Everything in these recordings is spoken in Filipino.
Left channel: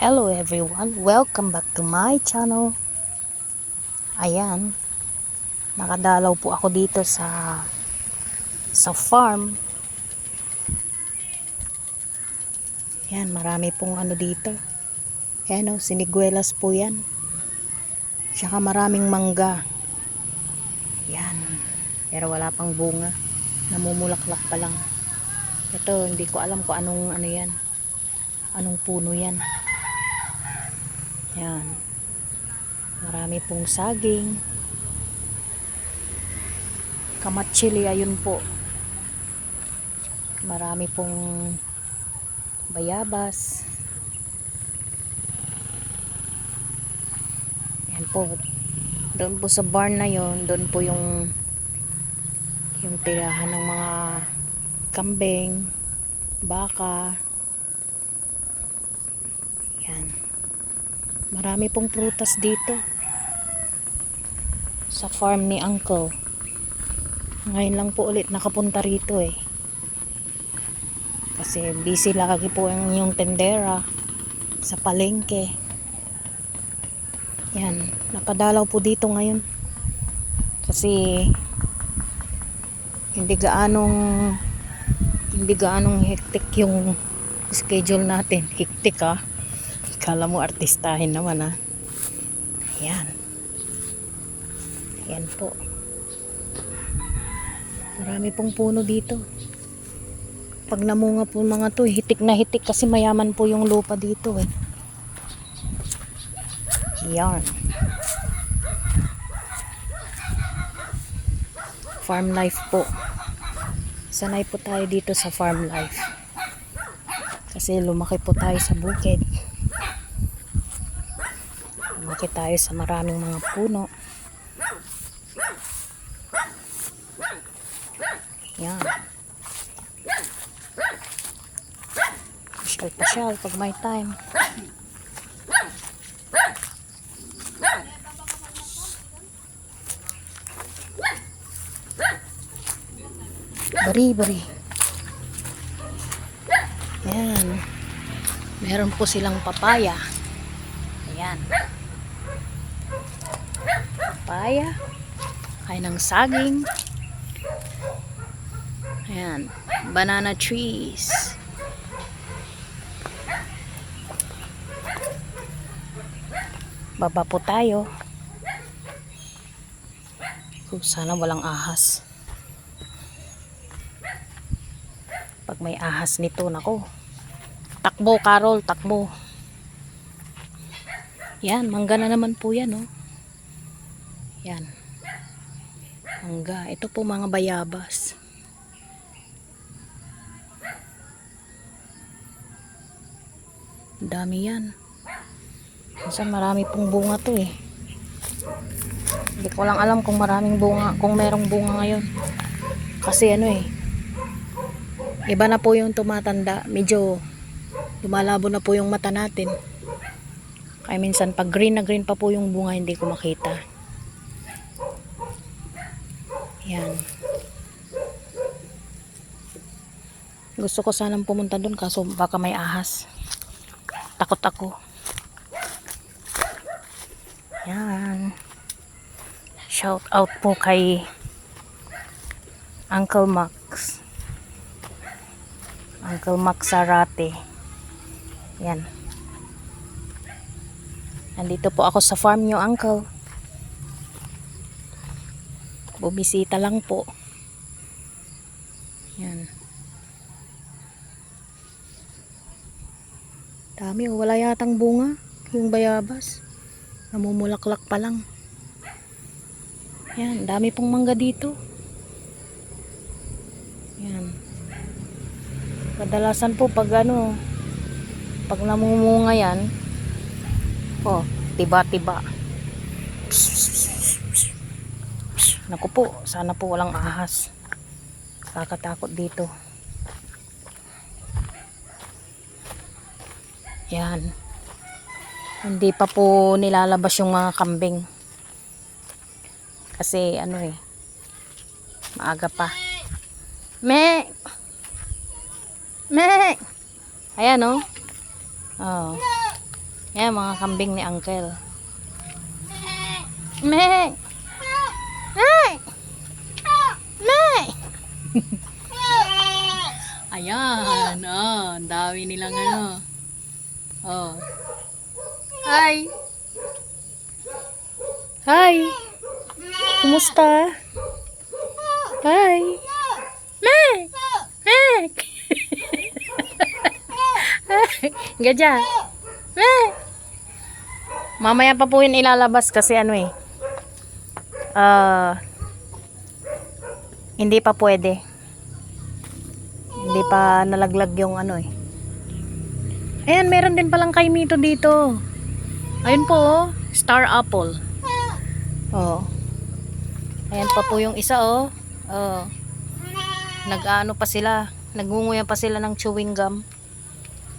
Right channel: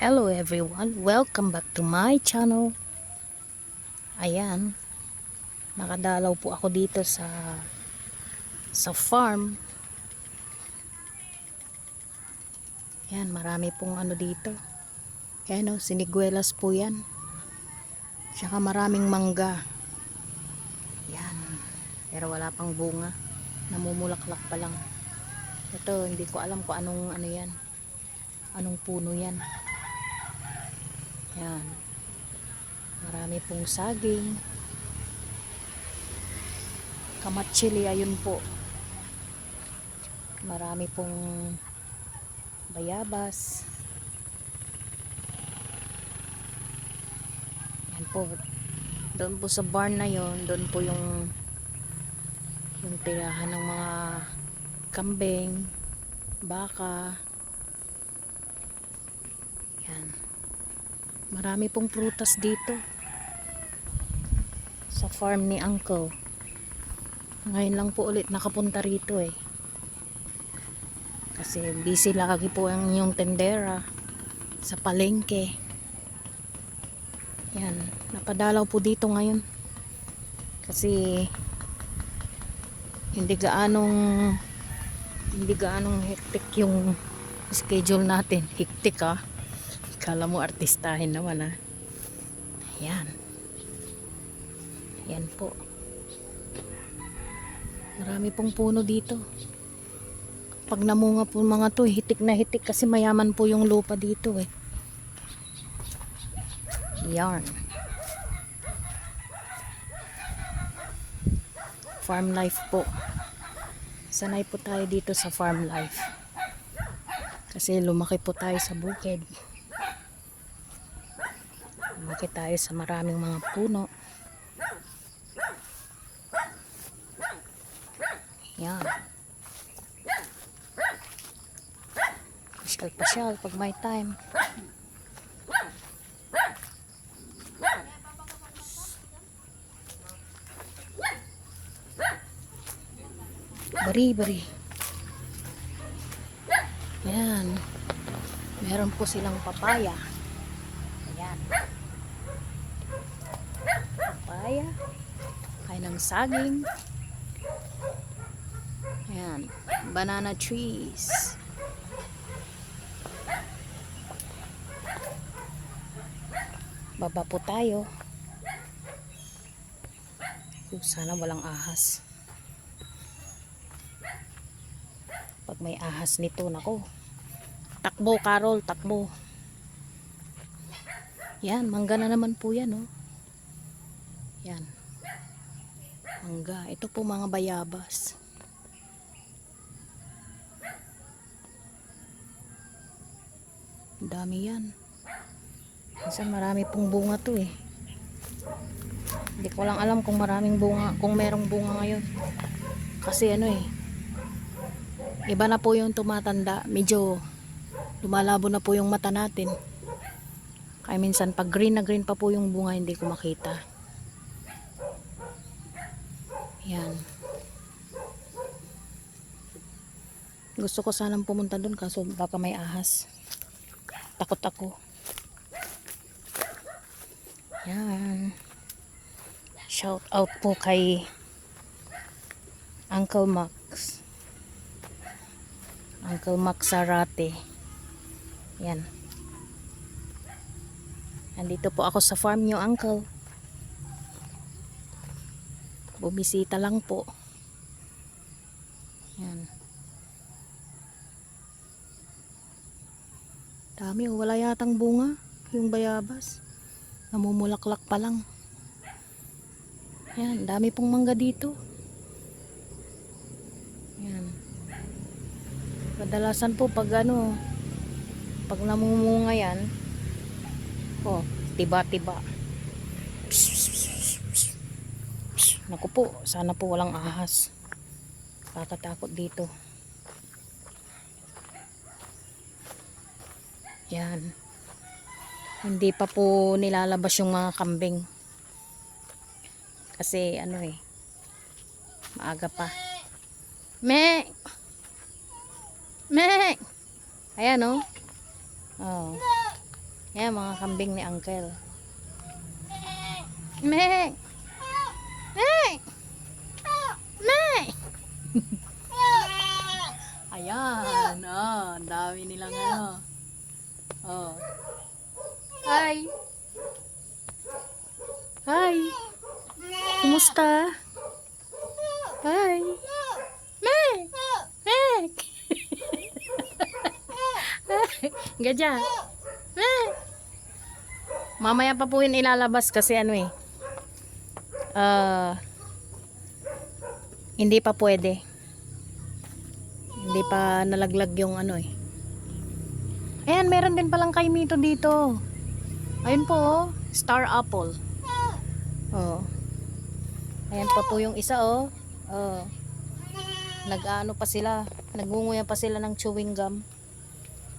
Hello everyone, welcome back to my channel. Ayan, nakadalaw po ako dito sa farm. Ayan, marami pong ano dito. Ayan o, siniguelas po yan. Tsaka maraming mangga. Ayan, pero wala pang bunga. Namumulaklak pa lang. Ito, hindi ko alam kung anong ano yan. Anong puno yan. Ayan. Marami pong saging. Kamatsili, ayun po. Marami pong bayabas. Yan po. Doon po sa barn na yon, doon po yung tirahan ng mga kambing, baka. Yan. Marami pong prutas dito sa farm ni Uncle. Ngayon lang po ulit nakapunta rito kasi busy lagi po yung tendera sa palengke. Yan, napadalaw po dito ngayon kasi hindi gaanong hectic yung schedule natin. Hectic kala mo artistahin naman Yan. Yan po. Marami pong puno dito. Pag namunga po mga to, hitik na hitik kasi mayaman po yung lupa dito Yan. Farm life po. Sanay po tayo dito sa farm life. Kasi lumaki po tayo sa bukid. Lumaki tayo sa maraming mga puno. Yan. Pasyal pag may time. Bari. Yan. Meron po silang papaya. Ayan. Papaya. Kaya ng saging. Ayan. Banana trees. Baba po tayo. Sana walang ahas. Pag may ahas nito, nako. Takbo, Carol, takbo. Yan, mangga na naman po yan Yan. Mangga. Ito po mga bayabas. Dami yan. Minsan marami pong bunga to Hindi ko lang alam kung maraming bunga, kung merong bunga ngayon. Kasi iba na po yung tumatanda. Medyo lumalabo na po yung mata natin. Kaya minsan pag green na green pa po yung bunga, hindi ko makita. Yan. Gusto ko sanang pumunta doon kaso baka may ahas. Takot ako. Yan. Shout out po kay Uncle Max. Uncle Max Sarate. Yan. Nandito po ako sa farm niyo, Uncle. Bumisita lang po. Yan. Dami wala yatang bunga. Yung bayabas. Namumulaklak pa lang. Yan, dami pong mangga dito. Yan. Kadalasan po pag pag namumunga yan, tiba-tiba. Naku po, sana po walang ahas. Kakatakot dito. Yan. Hindi pa po nilalabas yung mga kambing. Kasi maaga pa. Me! Ayan Oh. Yan, mga kambing ni Uncle. Mek! Ay! Nay! Ayan, oh, ang dami nilang ano. Oh. Hi! Hi! Kumusta? Hi! Mek! Mek! Gadya! Mek! Mamaya pa po yun ilalabas kasi ano eh. Hindi pa pwede. Hindi pa nalaglag yung ano eh. Ayan, meron din palang kaimito dito. Ayun po, oh, star apple. Oh. Ayan pa po yung isa, oh. Oh. Nag-ano pa sila, nagngunguya pa sila ng chewing gum.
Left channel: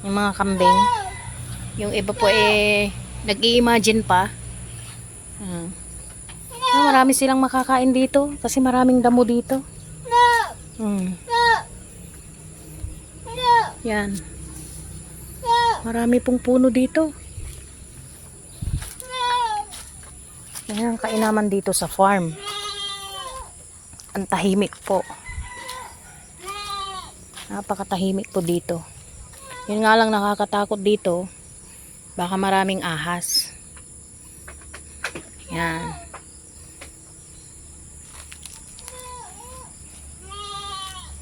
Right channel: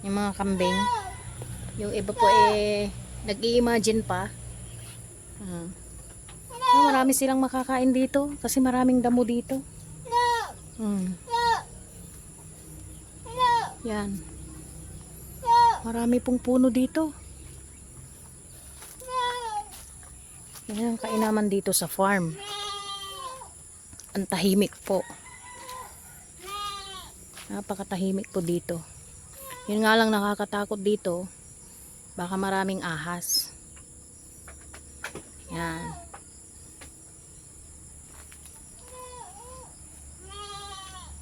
Yung mga kambing. Yung iba po eh nag-i-imagine pa. Marami silang makakain dito kasi maraming damo dito. Yan. Marami pong puno dito. Yan ang kainaman dito sa farm. Ang tahimik po. Napakatahimik po dito. Yun nga lang nakakatakot dito. Baka maraming ahas. Yan.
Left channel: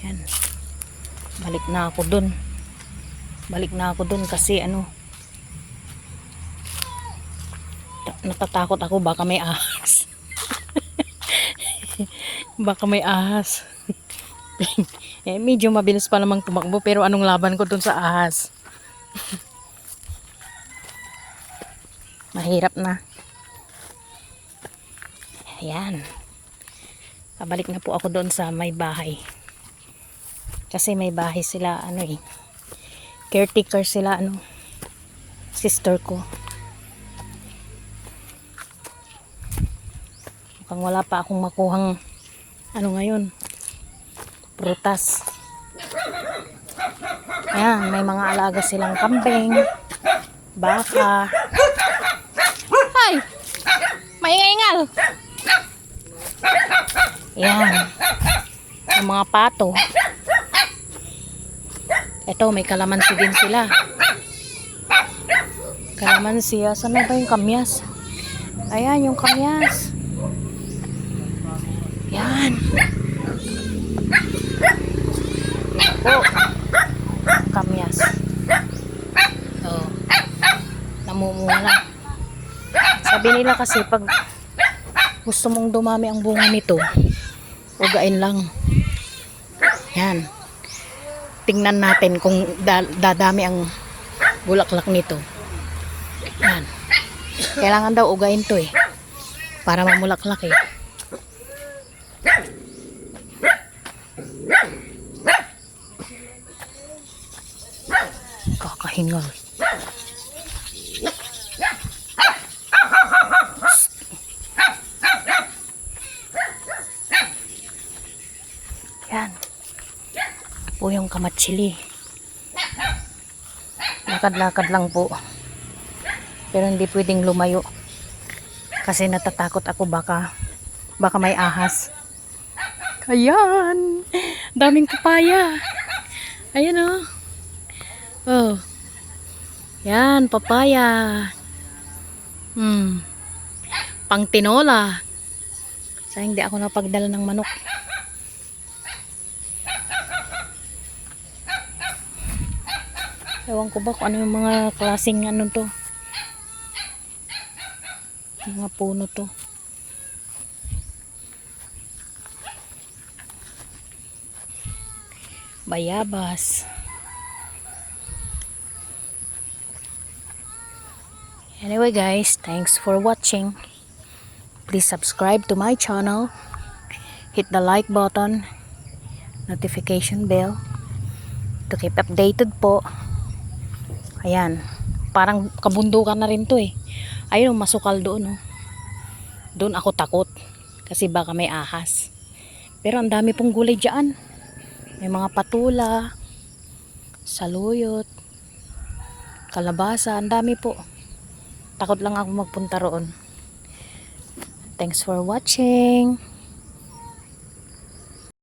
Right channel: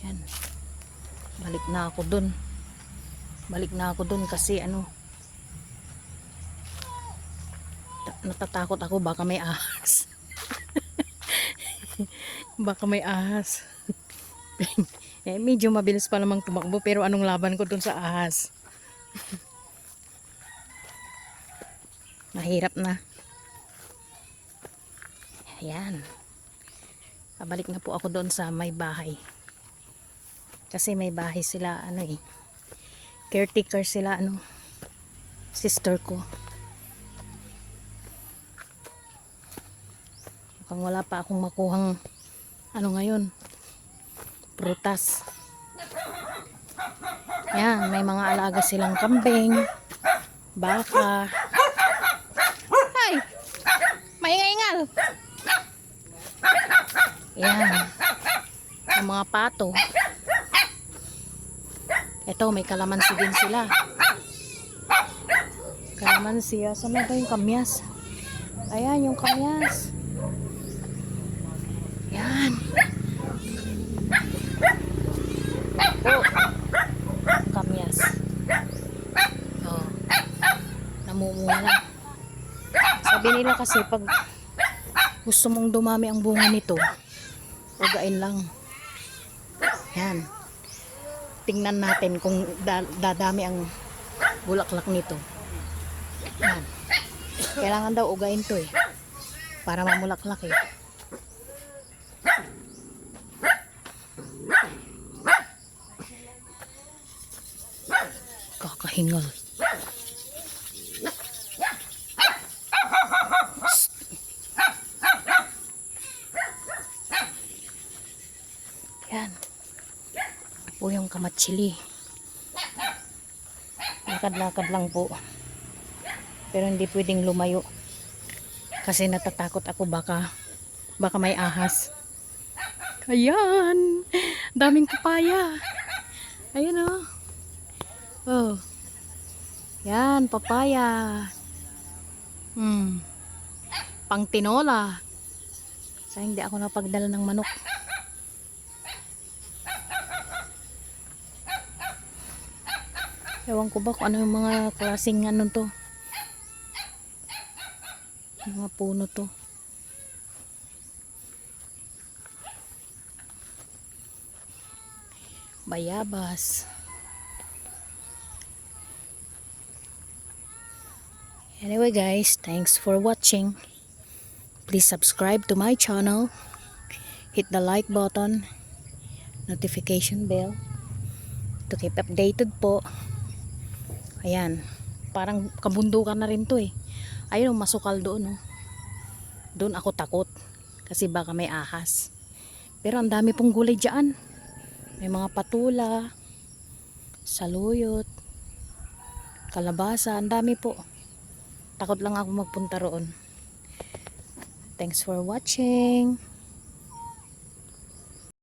Yan. Balik na ako dun. Balik na ako dun kasi ano, natatakot ako baka may ahas. Baka may ahas. Eh, medyo mabilis pa namang tumakbo pero anong laban ko dun sa ahas? Mahirap na. Ayan. Pabalik na po ako doon sa may bahay. Kasi may bahay sila ano eh. Caretaker sila ano. Sister ko. Mukhang wala pa akong makuhang ano ngayon. Prutas. Ayan, may mga alaga silang kambing, baka. Ay! Maingal-ingal! Ayan. Yung mga pato. Ito, may kalamansi din sila. Kalamansi. Saan na ba yung kamyas? Ayan, yung kamyas. Ayan. Oh. Kamyas. Oh. Namumula. Sabi nila kasi pag gusto mong dumami ang bunga nito, ugain lang. Yan. Tingnan natin kung dadami ang bulaklak nito. Yan. Kailangan daw ugain to eh. Para mamulaklak eh. Kakahingal. Yan. Po yung kamatsili. Lakad-lakad lang po. Pero hindi pwedeng lumayo. Kasi natatakot ako baka may ahas. Ayan. Daming papaya. Ayan oh. Oh. Yan, papaya. Pang tinola. Sayang hindi ako napagdala ng manok. Ewan ko ba kung ano yung mga klaseng ano to. Mga puno to. Bayabas. Anyway guys, thanks for watching. Please subscribe to my channel. Hit the like button, notification bell to keep updated po. Ayan, parang kabundukan na rin to eh. Ayun, masukal doon oh. Doon ako takot kasi baka may ahas. Pero ang dami pong gulay dyan. May mga patula, saluyot, kalabasa, ang dami po. Takot lang ako magpunta roon. Thanks for watching.